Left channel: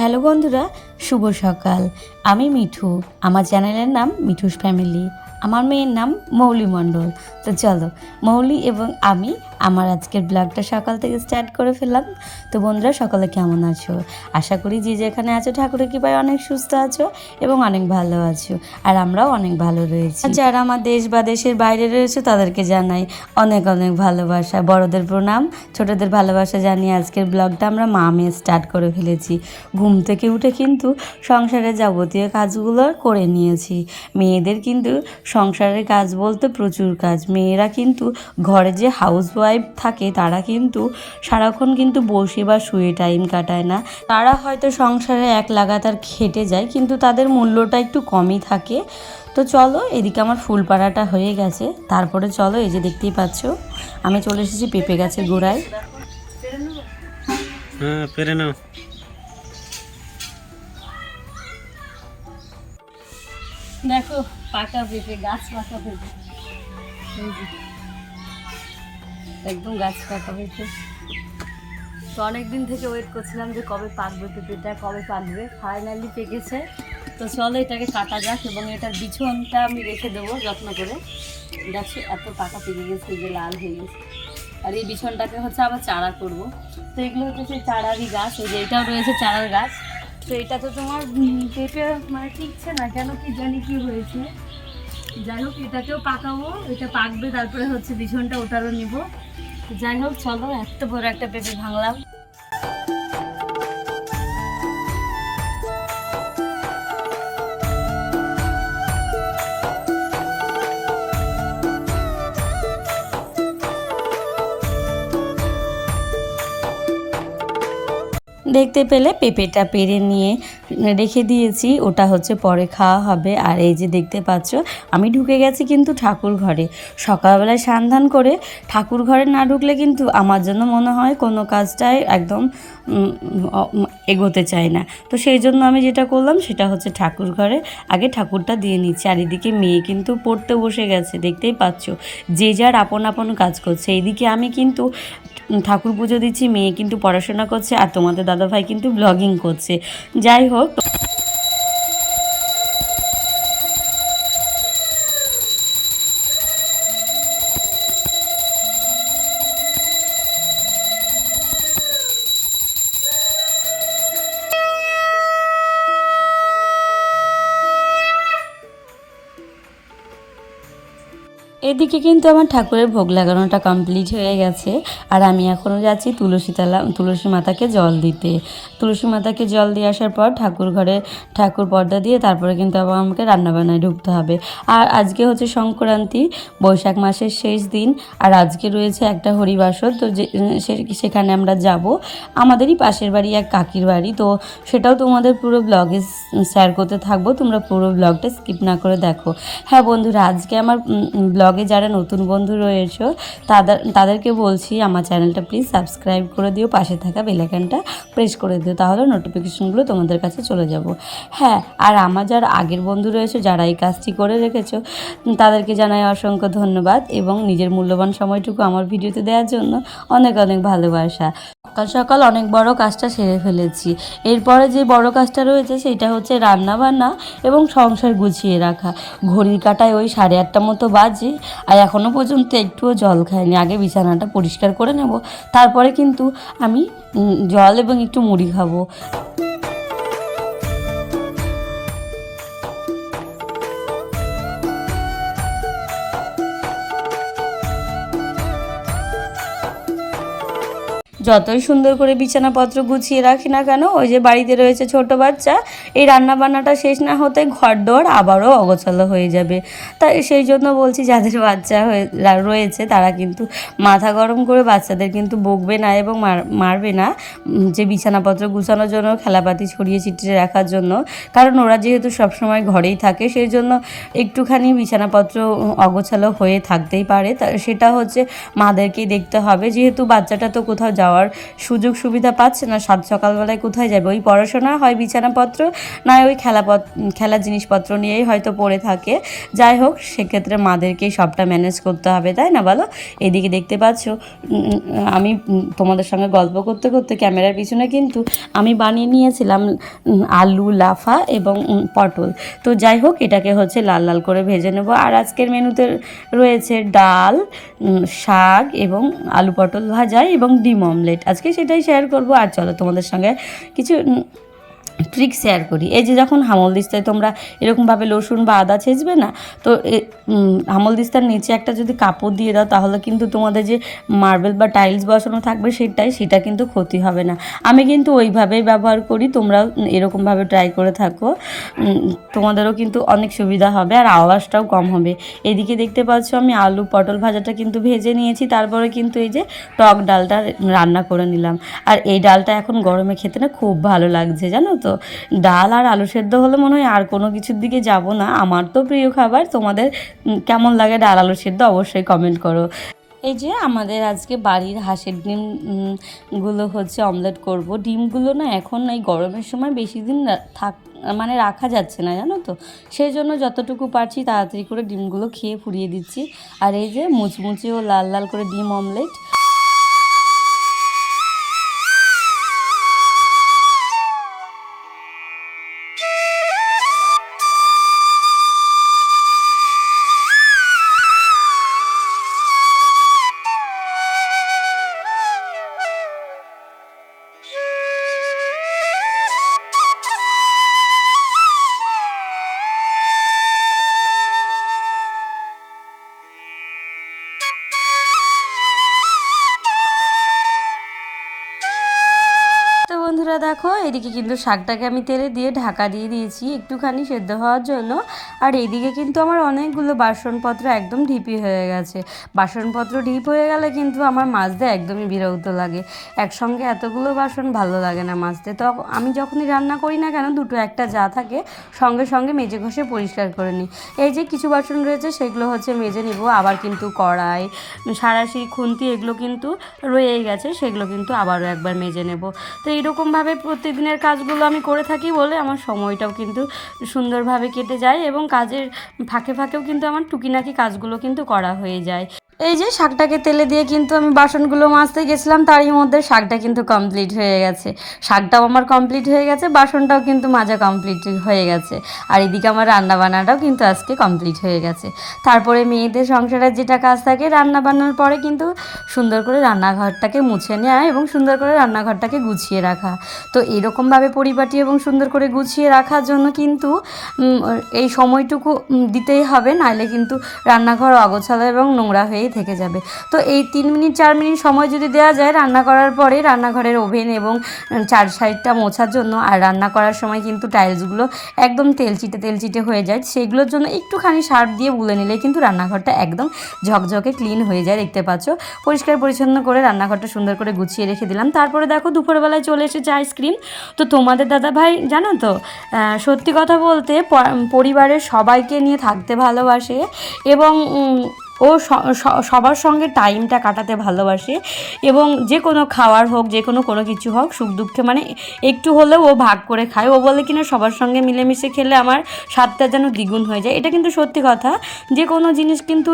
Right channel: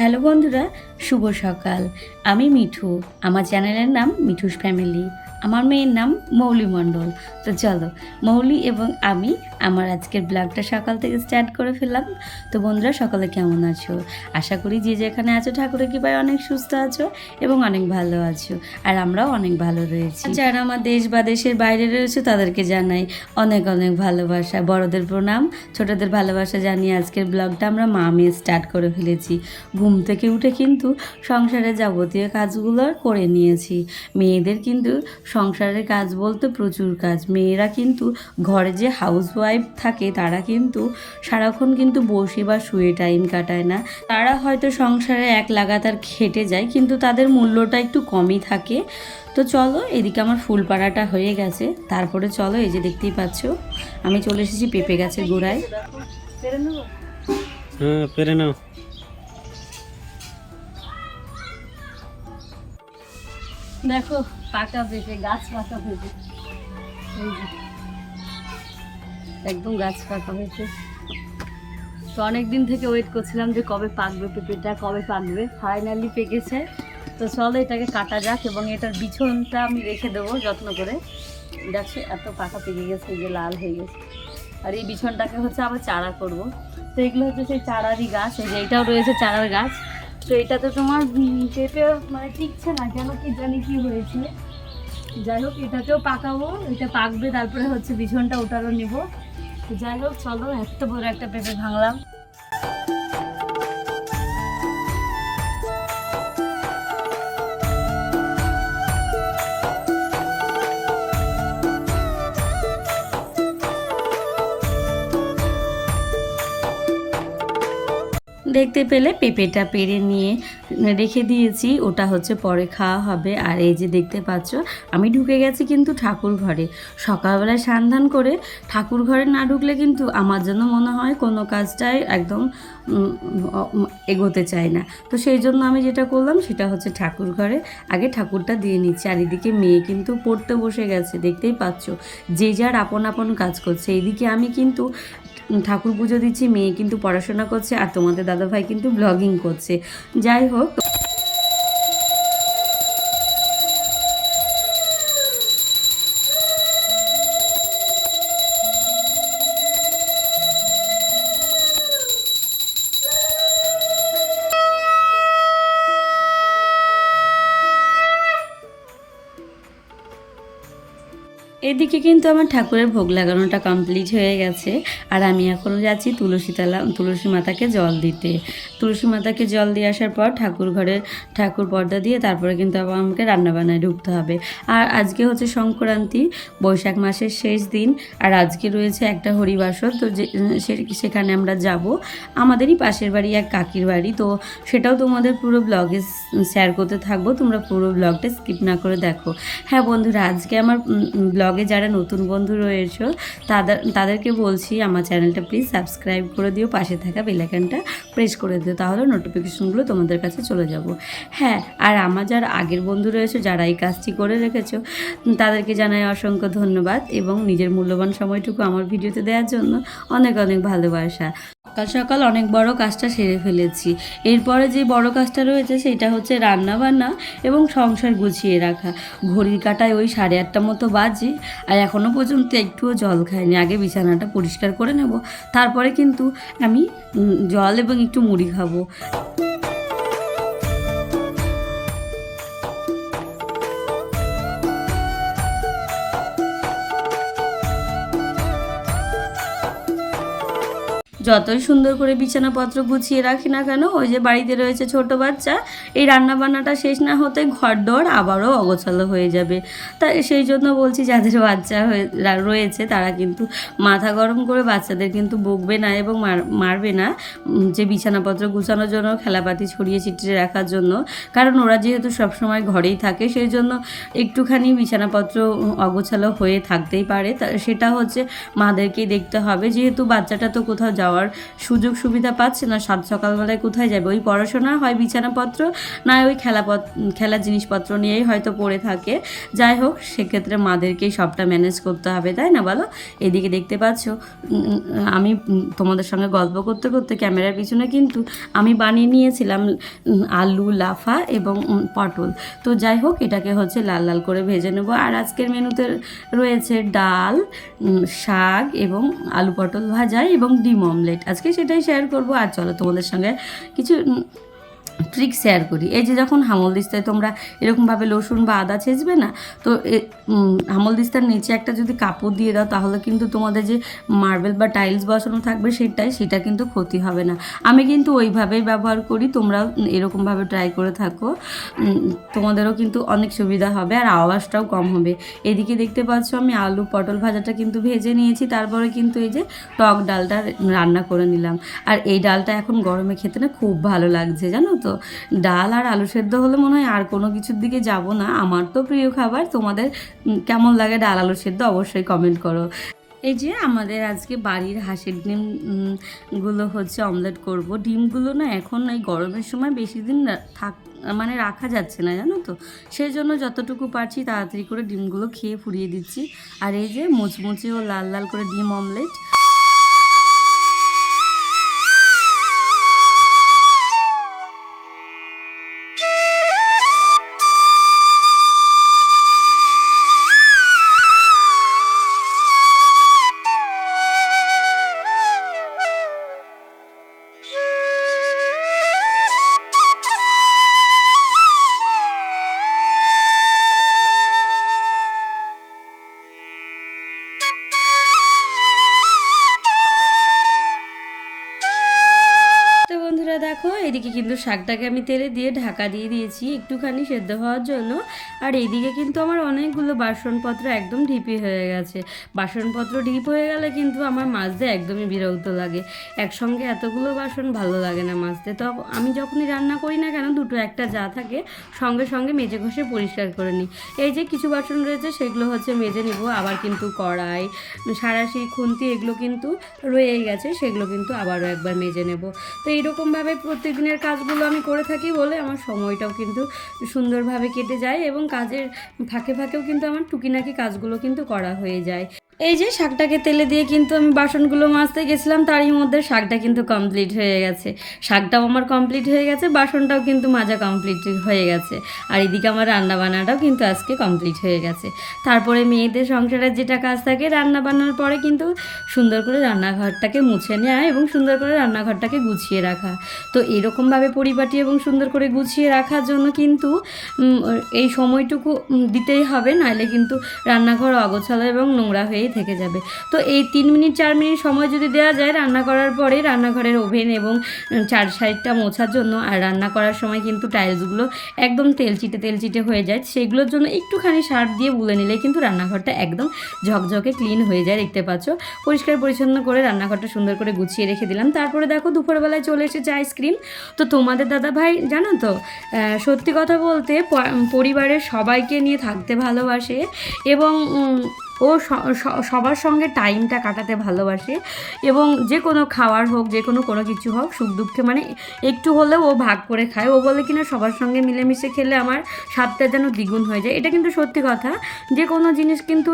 Hello বন্ধুরা, শুভ সকাল। আমি মিঠু। আমার চ্যানেলের নাম মিঠুস ফ্যামিলি। আমার মেয়ের নাম মৌলি মণ্ডল। তো চলো, মৌলি এবং আমি আমার আজকের ব্লগটা সকাল থেকে স্টার্ট করে ফেললাম। তো বন্ধুরা, সকালে কেমন আছো? আশা করি যে যেখানে আছো ঠাকুরের কৃপায় অনেক সুস্থ আছো এবং অনেক ভালো আছো। আর আমরাও অনেক ভালো রয়েছি। যারা আমার দেশ বা দেশের বাইরে রয়েছে তাদেরকে জানাই অনেক অনেক ভালোবাসা। বড়দের প্রণাম, ছোটদের ভালোবাসা জানিয়ে আজকের ব্লগটা আমরা মা মেয়ে স্টার্ট করে ফেলেছি। ঘুম থেকে উঠে কিন্তু সংসারের যাবতীয় কাজগুলো করে নিয়েছি। মেয়েদের কিন্তু সংসারের কাজ বলতে প্রচুর কাজ। মেয়েরা কিন্তু ঘরে যে হাউস ওয়াইফ থাকে তারা কিন্তু সারাক্ষণ কিন্তু বসে বা শুয়ে টাইম কাটায় না। তারা হয়তো সংসারে এক লাগাতার খেটে যায়, কিন্তু তাদের মূল্যটা একটু কমই থাকে। তো চলো, এদিকে আমার ফুল পাড়াটা হয়ে গেছে। তারপরে চলো, এই যে দেখতেই পাচ্ছ আমি চলে এসেছি পেঁপে গাছের গোড়ায়। হ্যাঁ, পেরে নাও। দেখো, পাকা পেঁপে, গাছ পাকা পেঁপে, একদম গাছ পাকা পেঁপে। তো অনেকদিন থেকে ওয়েট করছিলাম যে কবে পাকবে পেঁপেটা, কবে পাকবে। ফাইনালি পেকেছে। তো চলো এটাকে কাটা যাক এবং এটার বিছনটা আমি রেখে দেবো যত্ন করে। দেখছি এত পাকা পেকে গেছে, এই যে লাল হয়ে গেছে। আর এই বিছনটাকে হচ্ছে আবার চারা করব। তো এগুলো হচ্ছে সেই চারারই গাছ। এই যে এটাও রয়েছে চারার গাছ। তো এটাতে তোমার পেঁপে মানে টিকছে না, কেন কি জানি কি হয়েছে। যাই হোক, এটাকেও পাকাবো, এটা পাকবে, তারপরে হচ্ছে বিছনটা ওটারও নেব। যাই হোক, চলো, এত বড় একটা পেঁপে ভাঙলাম। দেখতে পেলে পেঁপেটা পেরে নিয়ে রেখে দিয়েছি, ওটা হচ্ছে পরে খাওয়া হবে। আর এই যে দেখতে পাচ্ছ আমি ঢুকে গেছি কিন্তু ঠাকুর ঘরে। সকালবেলায় স্নান করে ঠাকুর ঘরে না ঢুকলে কিন্তু আমার জন্য মনে হয় কোনো কাজটাই একদম এগোতে চায় না। তো সেই জন্য আমি যেটা করলাম সেটা হচ্ছে ঠাকুর ঘরে আগে ঠাকুরটা দিয়ে নিচ্ছি। আর এদিকে মেয়ে কিন্তু পড়তে বসে গেছে, দেখতেই পাচ্ছ যে যার আপন আপন কাজ করছে। এইদিকে আমি কিন্তু ঠাকুর পুজো দিচ্ছি, মেয়ে কিন্তু পড়াশোনা করছে, আর তোমাদের দাদাভাই কিন্তু ব্লগিং করছে। যাই হোক, এদিকে কিন্তু আমার ঠাকুরের ভোগ লাগানোটা কমপ্লিট হয়ে গেছে। আর আমি এখনও যাচ্ছি তুলসী মাতাকে জল দিতে। তুলসী মাতাকে জল দিয়ে আসার পর ঠাকুর ঘরে ঠাকুর পর্দা দিয়ে তারপরে কিন্তু আবার আমাকে রান্নাবান্নায় ঢুকতে হবে। আর আজকে হচ্ছে সংক্রান্তি, বৈশাখ মাসের শেষ দিন। আর আজকে রয়েছে একটা হরিবাসর। তো সেখানে আমরা যাব। আমাদেরই পাশের বাড়ি এক কাকির বাড়ি। তো সেটাও তোমাদের পুরো ব্লগে শেয়ার করতে থাকবো, তোমরা পুরো ব্লগটা স্কিপ না করে দেখো। হ্যাঁ বন্ধুরা, আজকে আমার ব্লগে যারা নতুন বন্ধু রয়েছে তাদেরকে বলছি আমার চ্যানেলটা প্লিজ সাবস্ক্রাইব করে দিও, পাশে থাকা বেল আইকনটা প্রেস করে দিও, তাহলে নোটিফিকেশনগুলো তোমাদের কাছে চলে যাব। হ্যাঁ, আর আমার যারা আগের বন্ধু রয়েছে যারা এই কাজটি করে রেখেছো তাদেরকে জানাই অসংখ্য ধন্যবাদ এবং নিজের মূল্যবান সময়টুকু আমার ভিডিওতে দেওয়ার জন্য অনেক অনেক ভালোবাসা। সকাল সকাল অনেক বড় কাজটা সেরে ফেলেছি। এরপরে যে বড় কাজটা রয়েছে সেটা হচ্ছে রান্না বান্না এবং সংসার গুছিয়ে রাখা। ঘড়ির কাঁটায় ওই 8:30 মতো বাজে, আর এখনও পর্যন্ত একটুও জল খাইনি। আগে বিছানাটা পরিষ্কার করে নেব, তারপরে কিন্তু আমি জল এবং একটু মুড়ি খাবো। যতই সুন্দর করে বিছানাপত্র গুছিয়ে রাখি না কেন, ওই যে বাড়িতে রয়েছে ছোট বাচ্চা, এই রান্নাবান্নাটা শেষ না হতে ঘরদোর আবারও অগোছালো হয়ে যাবে। তাই সেই জন্য বলছি, যাদের বাচ্চা রয়েছে তারা কিন্তু মাথা গরম করে বাচ্চাদের কিন্তু বকবে না এবং মারবে না, যে বিছানাপত্র গুছানোর জন্য, খেলাপাতি ছড়িয়ে ছিটিয়ে রাখার জন্য। কারণ ওরা যেহেতু সবসময় ঘরেই থাকে, সেই জন্য একটুখানি বিছানাপত্র অগোছালো হয়ে থাকতেই পারে। সেটা হচ্ছে মাদেরকেই দেখতে হবে, যেহেতু বাচ্চাটা তো কোথাও যাওয়ার যাওয়ার সুযোগ সুবিধা পাচ্ছে না, সাত সকালবেলায় কোথায় যাবে? ওই পড়াশোনা হয় বিছানাপত্র, না ওই খেলার জিনিসপত্র নিয়েই হয়তো পড়ে থাকে। যাই হোক, সেক্ষেত্রে মাদেরকেই সবটা ম্যানেজ করতে হবে, তাই না বলো? এদিকে দেখতে পাচ্ছ আমি তোমাদের সঙ্গে গল্প করতে করতে ক্যামেরার পিছনে কিন্তু আমি বানিয়ে নিয়েছিলাম আলু লাফা এবং পটল। তো যাই হোক, এটাকে হচ্ছে লাল লাল করে ভেজে নেব। আর আজকের মেনুতে রয়েছে ডাল, শাক এবং আলু পটল ভাজা এবং ডিম অমলেট। আজকে সেটাই শেয়ার করব। আর চলো তোমাদের সঙ্গে কিছু ট্রিক শেয়ার করি। এই যে যখন হামল দিস্তায় তোমরা এরকমভাবে রসুন বা আদা ছেঁচবে না, তো হামল দিস্তার নিচে একটা যদি কাপড় দিয়ে দাও, তাহলে কিন্তু তোমাদের যে মার্বেল বা টাইলস বসানো থাকবে সেটা কিন্তু ক্ষতি হবে না। আমি কিন্তু ওইভাবেই ব্যবহার করি, তোমরাও এরকমভাবে ট্রাই করে থাকো, তোমাদেরও কিন্তু অনেক সুবিধা হবে আর আওয়াজটাও কম হবে। এদিকে দেখতে পাচ্ছ আমি আলু পটল ভাজাটা কিন্তু ভেজে নিয়েছি, তারপরে কিন্তু এই যে টক ডালটা রান্না করে নিলাম। আর এই ডালটা এখন গরমে খেতে না খুব ভালো লাগছে, জানো তো। ডাল আর আলু সেদ্ধ হলে মনে হয় আর কোনো কিছুর দিকে যাব না। আমার তো প্রিয় খাবার। তোমাদের কেমন লাগে ডাল আলু সেদ্ধ অবশ্যই কমেন্ট করো। এই যে আমাদের আজকে বাড়ির হাঁসের ডিমগুলো হচ্ছে অমলেট করব। ডিমগুলো না এখন এই গরমের সময় বেশি দিন মানে রাখা যাচ্ছে না, জানো তো। সেই জন্য যতটুকু পারছি তাড়াতাড়ি করে ডিমগুলো খেয়ে ফুরিয়ে দিচ্ছি। আর এই যে মুচমুচে ও লাল লাল করে ডিম অমলেট। বন্ধুরা দেখো, এদিকে কিন্তু শাকটাকে আমি তেলে দিয়ে ঢাকা দিয়ে দিয়েছি একটুখানি সেদ্ধ হওয়ার জন্য। আর এইদিকে কিন্তু আমার অনেকগুলো বাসনপত্র একদম ঢিপি হয়ে গেছে। বাসনপত্র ঢিপ হয়ে গেলে কিন্তু আমার মাজতে একদমই বিরক্ত লাগে। একসঙ্গে এতগুলো বাসন ভালো লাগে না মাজতে। তো আমি যখনই রান্না করি না কেন, দুটো একটা যা থাকে সঙ্গে সঙ্গে মেজে ঘষে পরিষ্কার করে নিই। এই যে কিছু বাসন রয়েছে সেগুলো হচ্ছে মেজে নিব। আবার কিন্তু কড়াই, সাঁড়াশি, খুন্তি এগুলো কিন্তু রয়েই গেছে, সেগুলো কিন্তু আবারও একবার মেজে নেব। তো এইরকমভাবে প্রতিদিনের কাজগুলো আমি করে থাকি বলে আমার সময়টাও কিন্তু সুন্দরভাবে কেটে যায় এবং কাজের ফাঁকে ফাঁকেও কিন্তু আমার টুকিনাকি কাজগুলো কিন্তু করা হয়ে যায়। এই যে শাকটাকে তেলে দিয়ে কিন্তু আমি বাসনগুলো মাজতে গেছিলাম, তারই মধ্যে শাকটা কিন্তু কমপ্লিট হয়ে গেছে। শাকটাও আমার কমপ্লিট হয়ে গেছে, বাসনটাও কিন্তু মাজা কমপ্লিট হয়ে গেছে। আর এদিকে আমার রান্নাবান্নাটাও কিন্তু আজকে কমপ্লিট হয়ে গেছে। তারপরে মেয়েদের সংসারের যেটা কাজ থাকে, রান্নাবান্নার পরে কিন্তু সুন্দর করে রান্নাঘরটাকে মুছে নেওয়া এবং সুন্দর করে রান্নাঘরটাকে গুছিয়ে রাখা। তো এরকমভাবে পরিপাটি এবং সুন্দর করে গুছিয়ে রাখার জন্য কিন্তু এই সময়টুকু দিতেই হবে, নাহলে কিন্তু রান্নাঘর অগোছালো এবং নোংরা হয়েই থেকে যাবে। তো এই 3 মিনিট 4 মিনিট সময় যদি দেওয়া যায় রান্না করার পরে, রান্নাঘরের ওভেন এবং 4 সাইডটা মোছার জন্য। আর রান্না করার সময় কিন্তু টাইলসগুলো একদম তেলচিটে হয়ে যায়, সেগুলোর জন্য একটুখানি সার্ফ দিয়ে বুলে নিলে কিন্তু রান্নাঘরটা একদম ঝকঝকে ক্লিন হয়ে যায়। দেখতে পাচ্ছ, পরিষ্কার পরিচ্ছন্ন করে রান্নাঘরটা সুন্দর করে গুছিয়ে রেখে দিলাম। তারপরে দেখো দুপুরবেলায় চলে এসেছে আইসক্রিম। তো তোমাদের দাদা ভাই জানো তো, সত্যি কথা বলতে পরিবারের সবাইকে নিয়ে থাকতে ভালোবাসে এবং ও সবার সঙ্গে টাইমটা কাটাতে ভালোবাসে। এবং যে কোনো খাওয়ার হোক, যে কোনো কিছু হোক, সুখ দুঃখে মানে একটু হলেও ও ভাগ করে খায়। ও বলে কিনা সবার সঙ্গে মিলেমিশে খেলে আমার স্বাদটা যেন দ্বিগুণ হয়ে যায়। এটা কিন্তু সত্যি কথা। যে কোনো জিনিস কিন্তু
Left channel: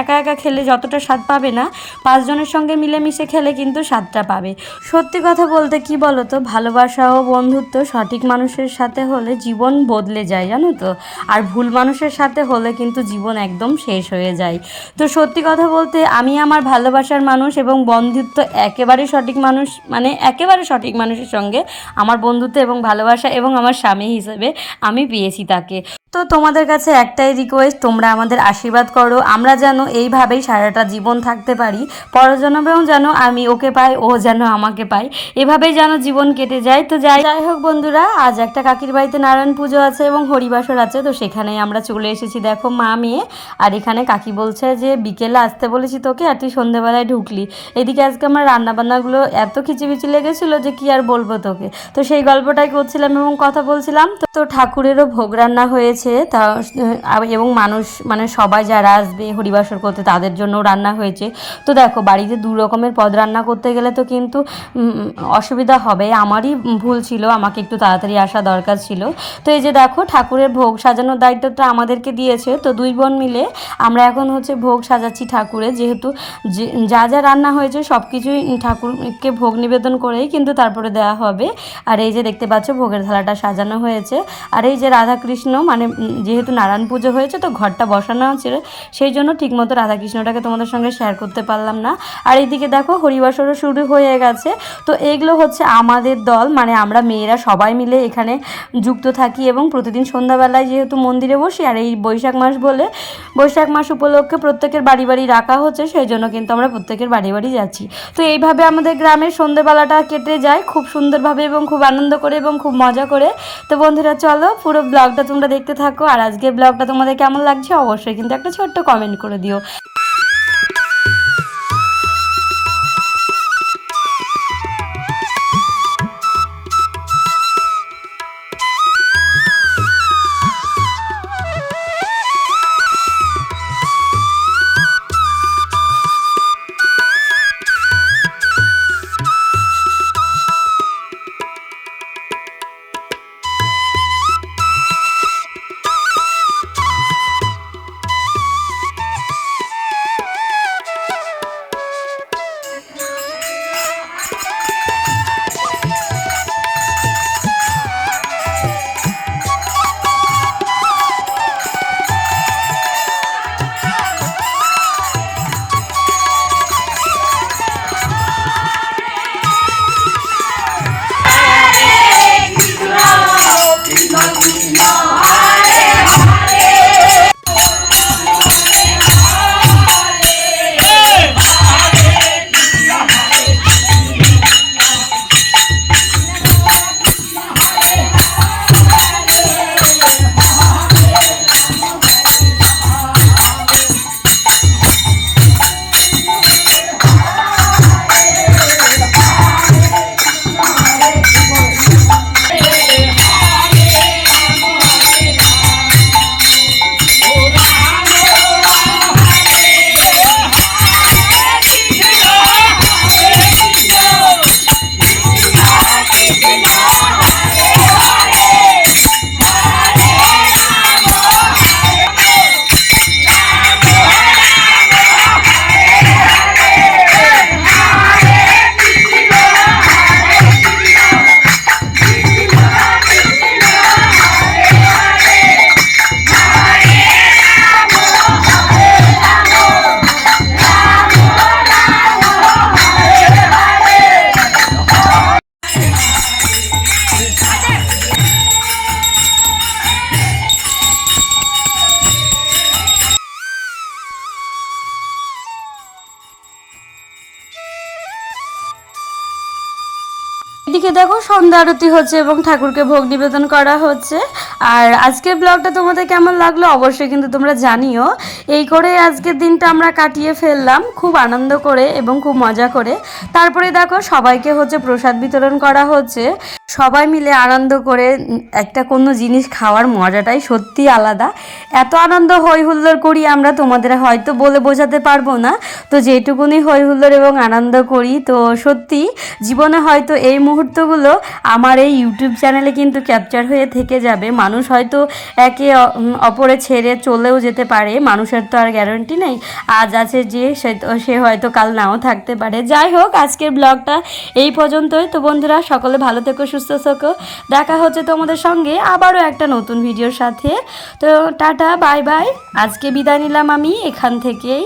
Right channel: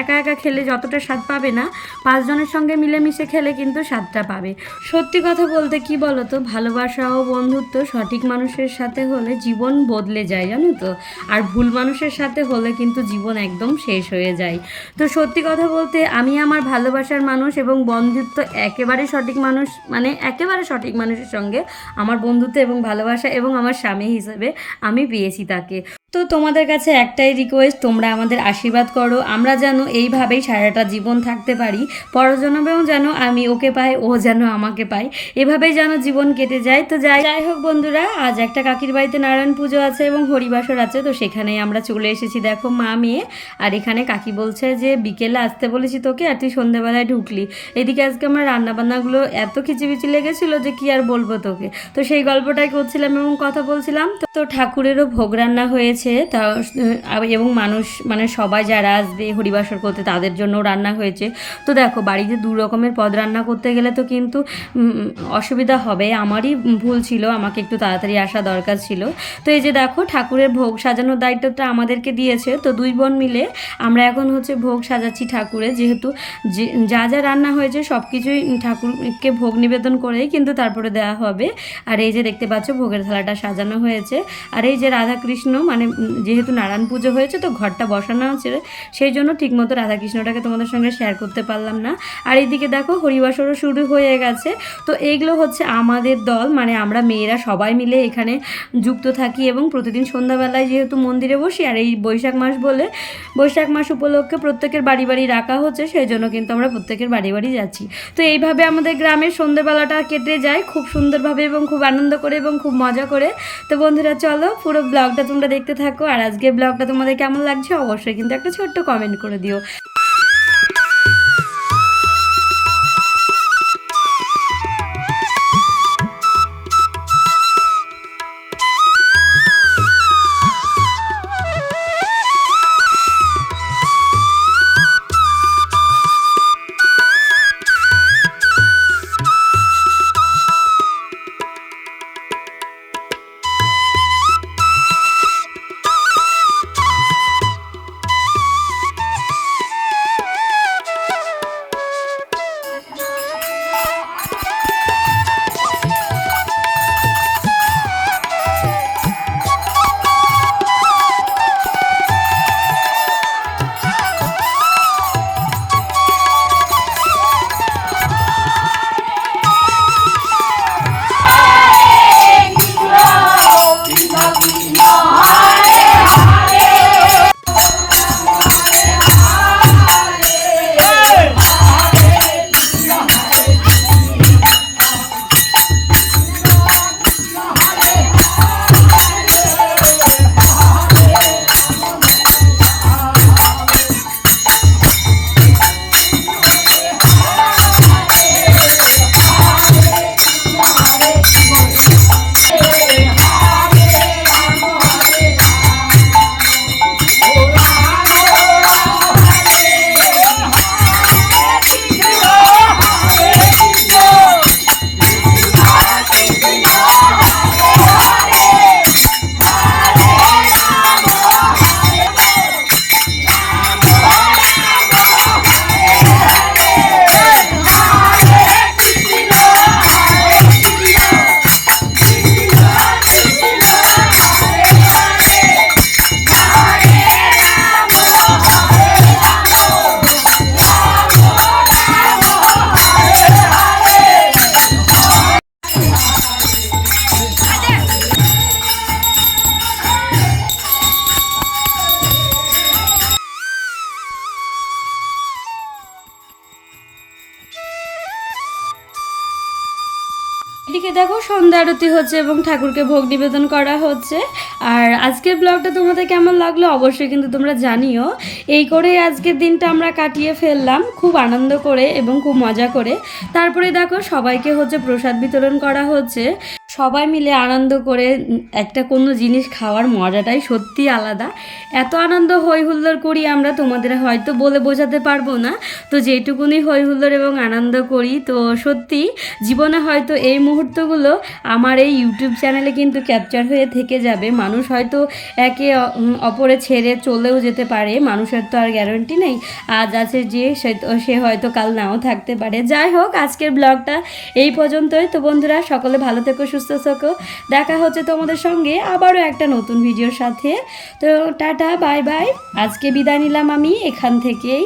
একা একা খেলে যতটা স্বাদ পাবে না, 5 জনের সঙ্গে মিলেমিশে খেলে কিন্তু স্বাদটা পাবে। সত্যি কথা বলতে কি বলো তো, ভালোবাসা ও বন্ধুত্ব সঠিক মানুষের সাথে হলে জীবন বদলে যায়, জানো তো। আর ভুল মানুষের সাথে হলে কিন্তু জীবন একদম শেষ হয়ে যায়। তো সত্যি কথা বলতে আমি আমার ভালোবাসার মানুষ এবং বন্ধুত্ব একেবারে সঠিক মানুষ, মানে একেবারে সঠিক মানুষের সঙ্গে আমার বন্ধুত্ব এবং ভালোবাসা এবং আমার স্বামী হিসেবে আমি পেয়েছি তাকে। তো তোমাদের কাছে একটাই রিকোয়েস্ট, তোমরা আমাদের আশীর্বাদ করো, আমরা যেন এইভাবেই সারাটা জীবন থাকতে পারি। পরজন্মেও যেন আমি ওকে পাই, ও যেন আমাকে পাই, এভাবেই যেন জীবন কেটে যায়। তো যাই হোক বন্ধুরা, আজ একটা কাকির বাড়িতে নারায়ণ পুজো আছে এবং হরিবাসর আছে। তো সেখানেই আমরা চলে এসেছি, দেখো মা মেয়ে। আর এখানে কাকি বলছে যে বিকেলে আসতে বলেছি তোকে, আর তুই সন্ধ্যেবেলায় ঢুকলি। এদিকে আজকে আমার রান্নাবান্নাগুলো এত খিচিবিচি লেগেছিলো যে কি আর বলবো তোকে। তো সেই গল্পটাই করছিলাম এবং কথা বলছিলাম। তো ঠাকুরেরও ভোগ রান্না হয়েছে দিয়েছে তা এবং মানুষ মানে সবাই যারা আসবে হরিবাসর করতে তাদের জন্য রান্না হয়েছে। তো দেখো বাড়িতে দু রকমের পদ রান্না করতে গেলে তো কিন্তু অসুবিধা হবে, আমারই ভুল ছিল, আমাকে একটু তাড়াতাড়ি আসা দরকার ছিল। তো এই যে দেখো ঠাকুরের ভোগ সাজানোর দায়িত্বটা আমাদেরকে দিয়েছে, তো দুই বোন মিলে আমরা এখন হচ্ছে ভোগ সাজাচ্ছি ঠাকুরের, যেহেতু যা যা রান্না হয়েছে সব কিছুই ঠাকুরকে ভোগ নিবেদন করেই কিন্তু তারপরে দেওয়া হবে। আর এই যে দেখতে পাচ্ছ ভোগের থালাটা সাজানো হয়েছে। আর এই যে রাধাকৃষ্ণ মানে যেহেতু নারায়ণ পুজো হয়েছে তো ঘরটা বসানো হচ্ছে, সেই জন্য ঠিকমতো রাধাকৃষ্ণটাকে তোমাদের সঙ্গে শেয়ার করতে পারলাম না। আর এইদিকে দেখো হরিবাসরও শুরু হয়ে গেছে। তো এইগুলো হচ্ছে আমাদের দল, মানে আমরা মেয়েরা সবাই মিলে এখানে যুক্ত থাকি এবং প্রতিদিন সন্ধ্যাবেলায় যেহেতু মন্দিরে বসি আর এই বৈশাখ মাস বলে বৈশাখ মাস উপলক্ষে প্রত্যেকের বাড়ি বাড়ি রাখা হচ্ছে, সেই জন্য কিন্তু আমরা প্রত্যেকের বাড়ি বাড়ি যাচ্ছি। তো এইভাবে আমাদের গ্রামের সন্ধ্যেবেলাটা কেটে যায় খুব সুন্দরভাবে এবং খুব আনন্দ করে এবং খুব মজা করে। তো বন্ধুরা চলো পুরো ব্লগটা তোমরা দেখতে থাকো, আর আজকের ব্লগটা তোমাদের কেমন লাগছে অবশ্যই কিন্তু একটা ছোট্ট কমেন্ট করে দিও। এদিকে দেখো সন্ধ্যা আরতি হচ্ছে এবং ঠাকুরকে ভোগ নিবেদন করা হচ্ছে। আর আজকের ব্লগটা তোমাদের কেমন লাগলো অবশ্যই কিন্তু তোমরা জানিও। এই করে আজকের দিনটা আমরা কাটিয়ে ফেললাম খুব আনন্দ করে এবং খুব মজা করে। তারপরে দেখো সবাইকে হচ্ছে প্রসাদ বিতরণ করা হচ্ছে। সবাই মিলে আনন্দ করে একটা কোনো জিনিস খাওয়ার মজাটাই সত্যি আলাদা। এত আনন্দ হই হুল্লোড় করি আমরা, তোমাদের হয়তো বলে বোঝাতে পারবো না। তো যেটুকুনি হই হুল্লোড় এবং আনন্দ করি, তো সত্যি জীবনে হয়তো এই মুহূর্তগুলো আমার এই ইউটিউব চ্যানেলে কিন্তু ক্যাপচার হয়ে থেকে যাবে। মানুষ হয়তো একে অপরে ছেড়ে চলেও যেতে পারে, মানুষের তো আর গ্যারান্টি নেই। আজ আছে যে সে হয়তো কাল নাও থাকতে পারে। যাই হোক আজকের ব্লগটা এই পর্যন্তই। তো বন্ধুরা সকলে ভালো থেকো, সুস্থ থেকো। দেখা হচ্ছে তোমাদের সঙ্গে আবারও একটা নতুন ভিডিওর সাথে। তো টাটা বাই বাই, আজকে বিদায় নিলাম আমি এখান থেকেই।